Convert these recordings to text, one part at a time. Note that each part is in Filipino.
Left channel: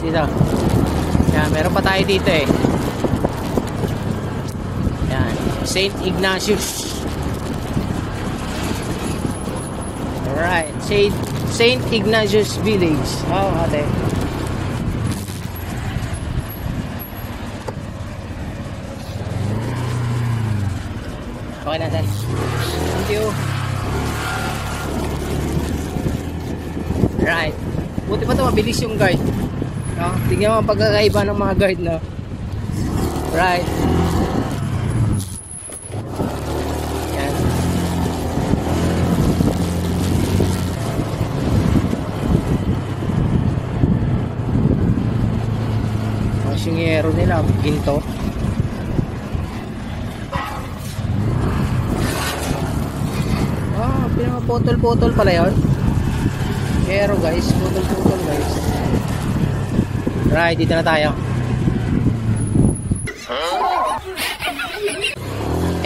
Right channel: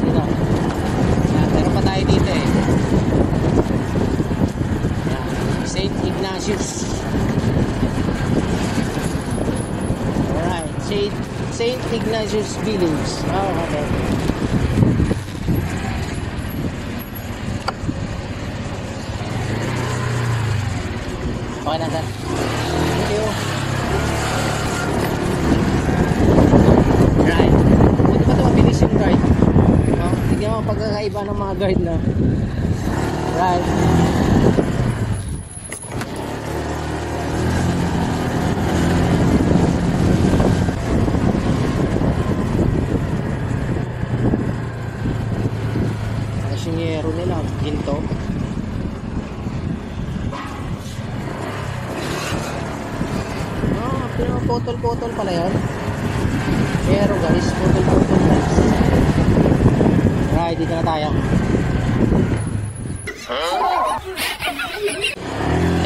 dito. Yan, meron pa tayo dito eh. Yan, St. Ignatius. Alright, St. Ignatius Village. Oh, okay. Okay na, sir. Thank you. Right. Buti pa ito, mabilis yung guard. No? Tignan mo ang pagkakaiba ng mga guard, no? Right. Yan. Ang singero nila, ginto. Putol-putol pala yun. Pero guys, putol-putol guys. Right, dito na tayo.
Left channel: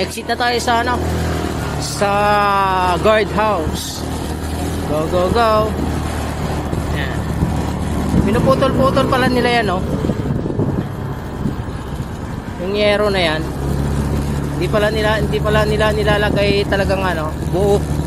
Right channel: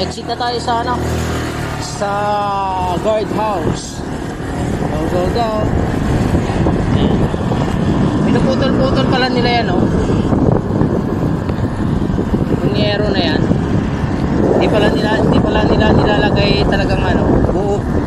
Exit na tayo sa ano, sa guard house. Go, go, go. Yan. Pinuputol-putol pala nila yan, no? Yung yero na yan. Hindi pala nila nilalagay talagang ano, buok.